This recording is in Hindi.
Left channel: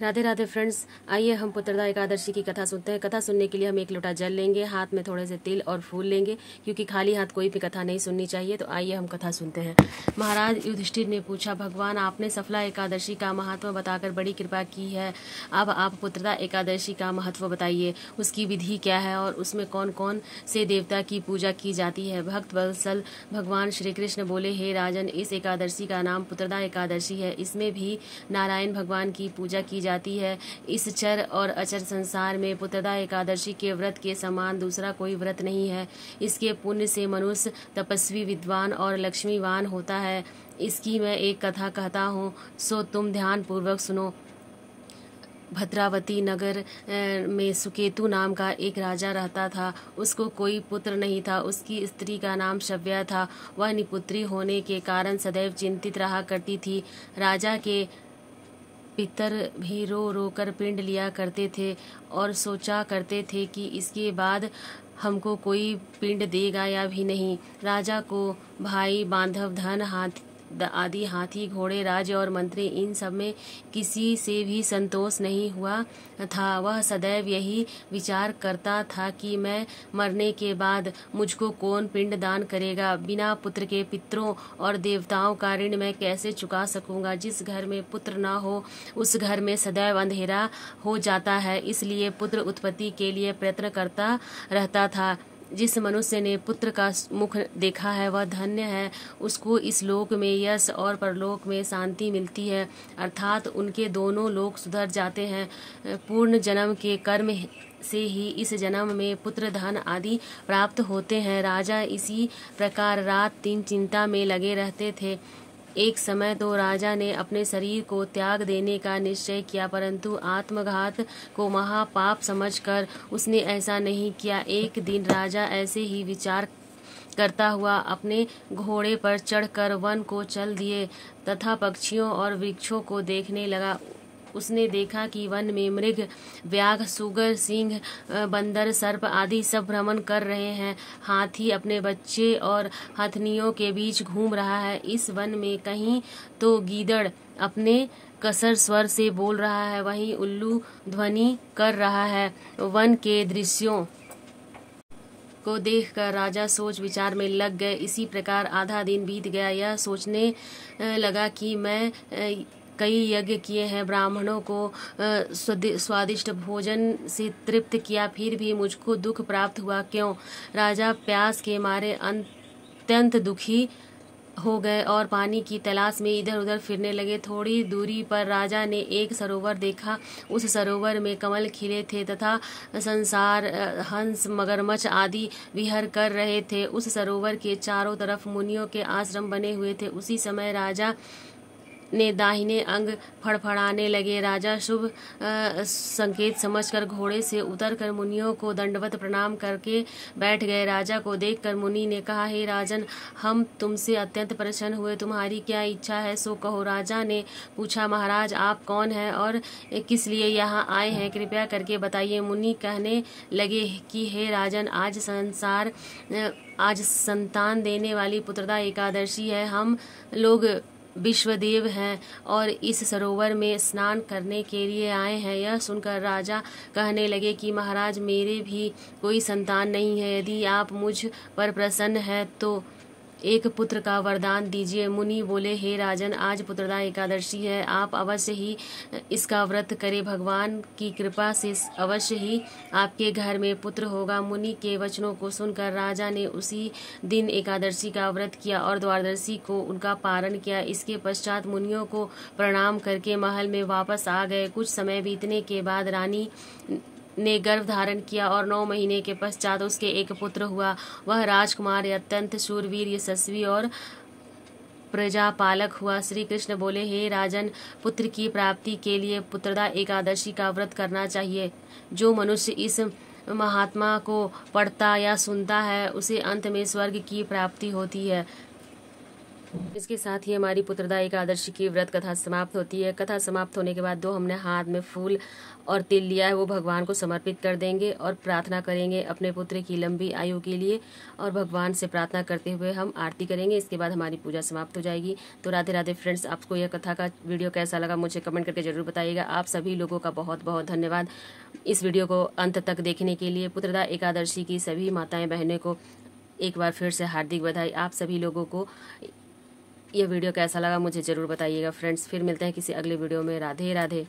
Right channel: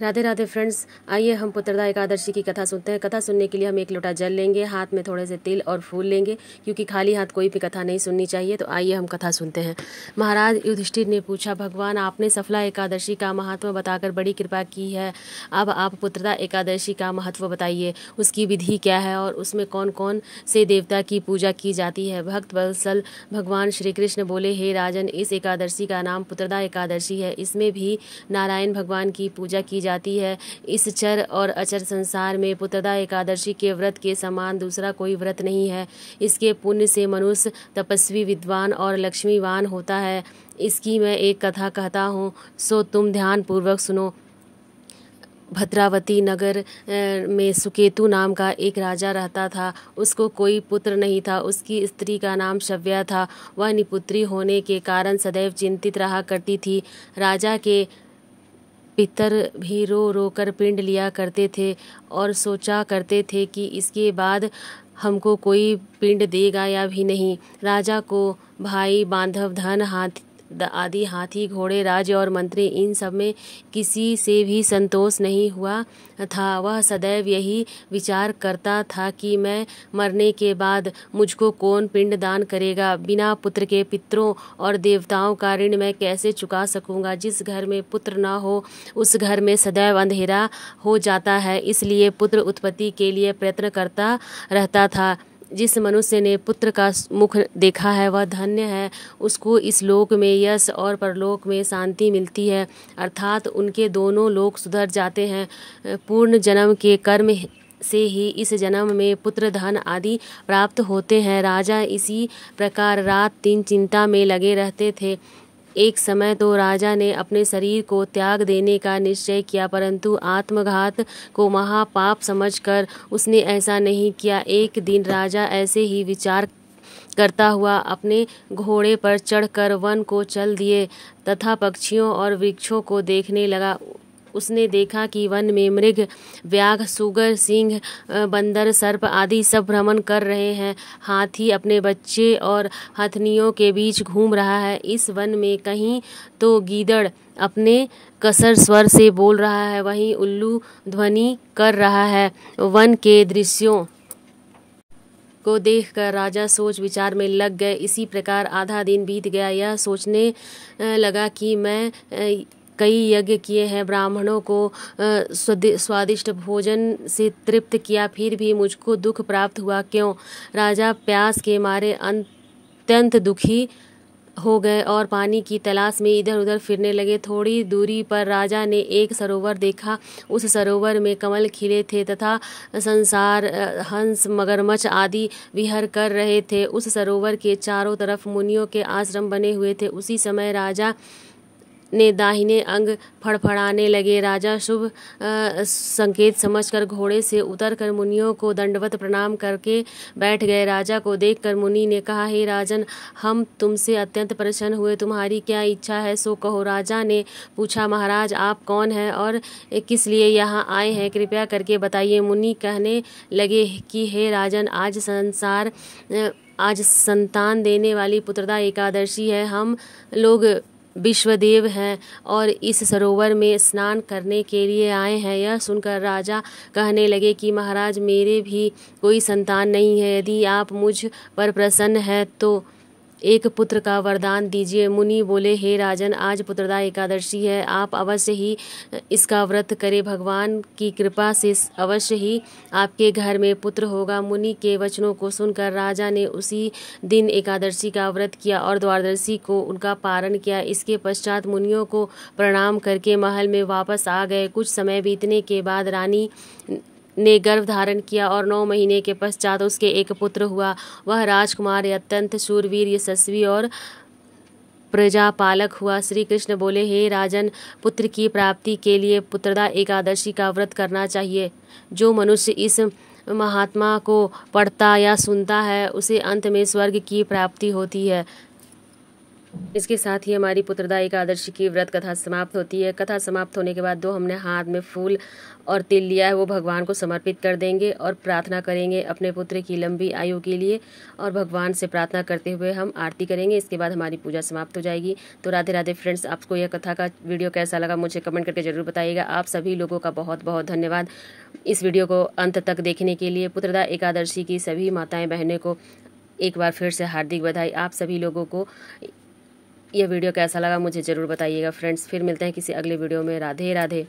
राधे राधे फ्रेंड्स, आइए हम पुत्रदा एकादशी की कथा सुनते हैं। कथा सुनने के लिए हम एक लोटा जल लेंगे, हाथ में थोड़े से तिल और फूल लेंगे, क्योंकि खाली हाथ कोई भी कथा नहीं सुननी चाहिए। तो आइए हम कथा सुनते हैं। महाराज युधिष्ठिर ने पूछा, भगवान आपने सफला एकादशी का महत्व बताकर बड़ी कृपा की है। अब आप पुत्रदा एकादशी का महत्व बताइए, उसकी विधि क्या है और उसमें कौन कौन से देवता की पूजा की जाती है। भक्त वत्सल भगवान श्री कृष्ण बोले, हे राजन, इस एकादशी का नाम पुत्रदा एकादशी है। इसमें भी नारायण भगवान की पूजा की जाती है। इस चर और अचर संसार में पुत्रदा एकादशी के व्रत के समान दूसरा कोई व्रत नहीं है। इसके पुण्य से मनुष्य तपस्वी, विद्वान और लक्ष्मीवान होता है। इसकी मैं एक कथा कहता हूँ, सो तुम ध्यान पूर्वक सुनो। भद्रावती नगर में सुकेतु नाम का एक राजा रहता था। उसको कोई पुत्र नहीं था। उसकी स्त्री का नाम शव्या था। वह निपुत्री होने के कारण सदैव चिंतित रहा करती थी। राजा के पितर भी रो रो कर पिंड लिया करते थे और सोचा करते थे कि इसके बाद हमको कोई पिंड देगा या भी नहीं। राजा को भाई, बांधव, धन, आदि हाथी, घोड़े, राज्य और मंत्री, इन सब में किसी से भी संतोष नहीं हुआ था। वह सदैव यही विचार करता था कि मैं मरने के बाद मुझको कौन पिंड दान करेगा। बिना पुत्र के पितरों और देवताओं का ऋण मैं कैसे चुका सकूंगा। जिस घर में पुत्र न हो उस घर में सदैव अंधेरा हो जाता है। इसलिए पुत्र उत्पत्ति के लिए प्रयत्न करता रहता था। जिस मनुष्य ने पुत्र का मुख देखा है वह धन्य है। उसको इस लोक में यश और परलोक में शांति मिलती है, अर्थात उनके दोनों लोक सुधर जाते हैं। पूर्ण जन्म के कर्म से ही इस जन्म में पुत्र, धन आदि प्राप्त होते हैं। राजा इसी प्रकार रात दिन चिंता में लगे रहते थे। एक समय तो राजा ने अपने शरीर को त्याग देने का निश्चय किया, परंतु आत्मघात को महापाप समझकर उसने ऐसा नहीं किया। एक दिन राजा ऐसे ही विचार करता हुआ अपने घोड़े पर चढ़कर वन को चल दिए तथा पक्षियों और वृक्षों को देखने लगा। उसने देखा कि वन में मृग, व्याघ, सुगर, सिंह, बंदर, सर्प आदि सब भ्रमण कर रहे हैं। हाथी अपने बच्चे और हथनियों के बीच घूम रहा है। इस वन में कहीं तो गीदड़ अपने कसर स्वर से बोल रहा है, वहीं उल्लू ध्वनि कर रहा है। वन के दृश्यों को देखकर राजा सोच विचार में लग गए। इसी प्रकार आधा दिन बीत गया। यह सोचने लगा कि मैं कई यज्ञ किए हैं, ब्राह्मणों को स्वादिष्ट भोजन से तृप्त किया, फिर भी मुझको दुख प्राप्त हुआ क्यों। राजा प्यास के मारे अत्यंत दुखी हो गए और पानी की तलाश में इधर उधर फिरने लगे। थोड़ी दूरी पर राजा ने एक सरोवर देखा। उस सरोवर में कमल खिले थे तथा संसार, हंस, मगरमच्छ आदि विहर कर रहे थे। उस सरोवर के चारों तरफ मुनियों के आश्रम बने हुए थे। उसी समय राजा ने दाहिने अंग फड़फड़ाने लगे। राजा शुभ संकेत समझकर घोड़े से उतरकर मुनियों को दंडवत प्रणाम करके बैठ गए। राजा को देखकर मुनि ने कहा, हे राजन, हम तुमसे अत्यंत प्रसन्न हुए, तुम्हारी क्या इच्छा है सो कहो। राजा ने पूछा, महाराज आप कौन हैं और किस लिए यहाँ आए हैं, कृपया करके बताइए। मुनि कहने लगे कि हे राजन, आज संतान देने वाली पुत्रदा एकादशी है। हम लोग विश्वदेव हैं और इस सरोवर में स्नान करने के लिए आए हैं। यह सुनकर राजा कहने लगे कि महाराज, मेरे भी कोई संतान नहीं है। यदि आप मुझ पर प्रसन्न हैं तो एक पुत्र का वरदान दीजिए। मुनि बोले, हे राजन, आज पुत्रदा एकादशी है, आप अवश्य ही इसका व्रत करें। भगवान की कृपा से अवश्य ही आपके घर में पुत्र होगा। मुनि के वचनों को सुनकर राजा ने उसी दिन एकादशी का व्रत किया और द्वादशी को उनका पारण किया। इसके पश्चात मुनियों को प्रणाम करके महल में वापस आ गए। कुछ समय बीतने के बाद रानी ने गर्भ धारण किया और 9 महीने के पश्चात उसके एक पुत्र हुआ। वह राजकुमार अत्यंत शूरवीर, यशस्वी और प्रजापालक हुआ। श्री कृष्ण बोले, हे राजन, पुत्र की प्राप्ति के लिए पुत्रदा एकादशी का व्रत करना चाहिए। जो मनुष्य इस महात्मा को पढ़ता या सुनता है उसे अंत में स्वर्ग की प्राप्ति होती है। इसके साथ ही हमारी पुत्रदा एकादशी की व्रत कथा समाप्त होती है। कथा समाप्त होने के बाद जो हमने हाथ में फूल और तिल लिया है वो भगवान को समर्पित कर देंगे और प्रार्थना करेंगे अपने पुत्र की लंबी आयु के लिए, और भगवान से प्रार्थना करते हुए हम आरती करेंगे। इसके बाद हमारी पूजा समाप्त हो जाएगी। तो राधे राधे फ्रेंड्स, आपको यह कथा का वीडियो कैसा लगा मुझे कमेंट करके जरूर बताइएगा। आप सभी लोगों का बहुत बहुत धन्यवाद इस वीडियो को अंत तक देखने के लिए। पुत्रदा एकादशी की सभी माताएं बहनें को एक बार फिर से हार्दिक बधाई। आप सभी लोगों को यह वीडियो कैसा लगा मुझे ज़रूर बताइएगा फ्रेंड्स। फिर मिलते हैं किसी अगले वीडियो में। राधे राधे।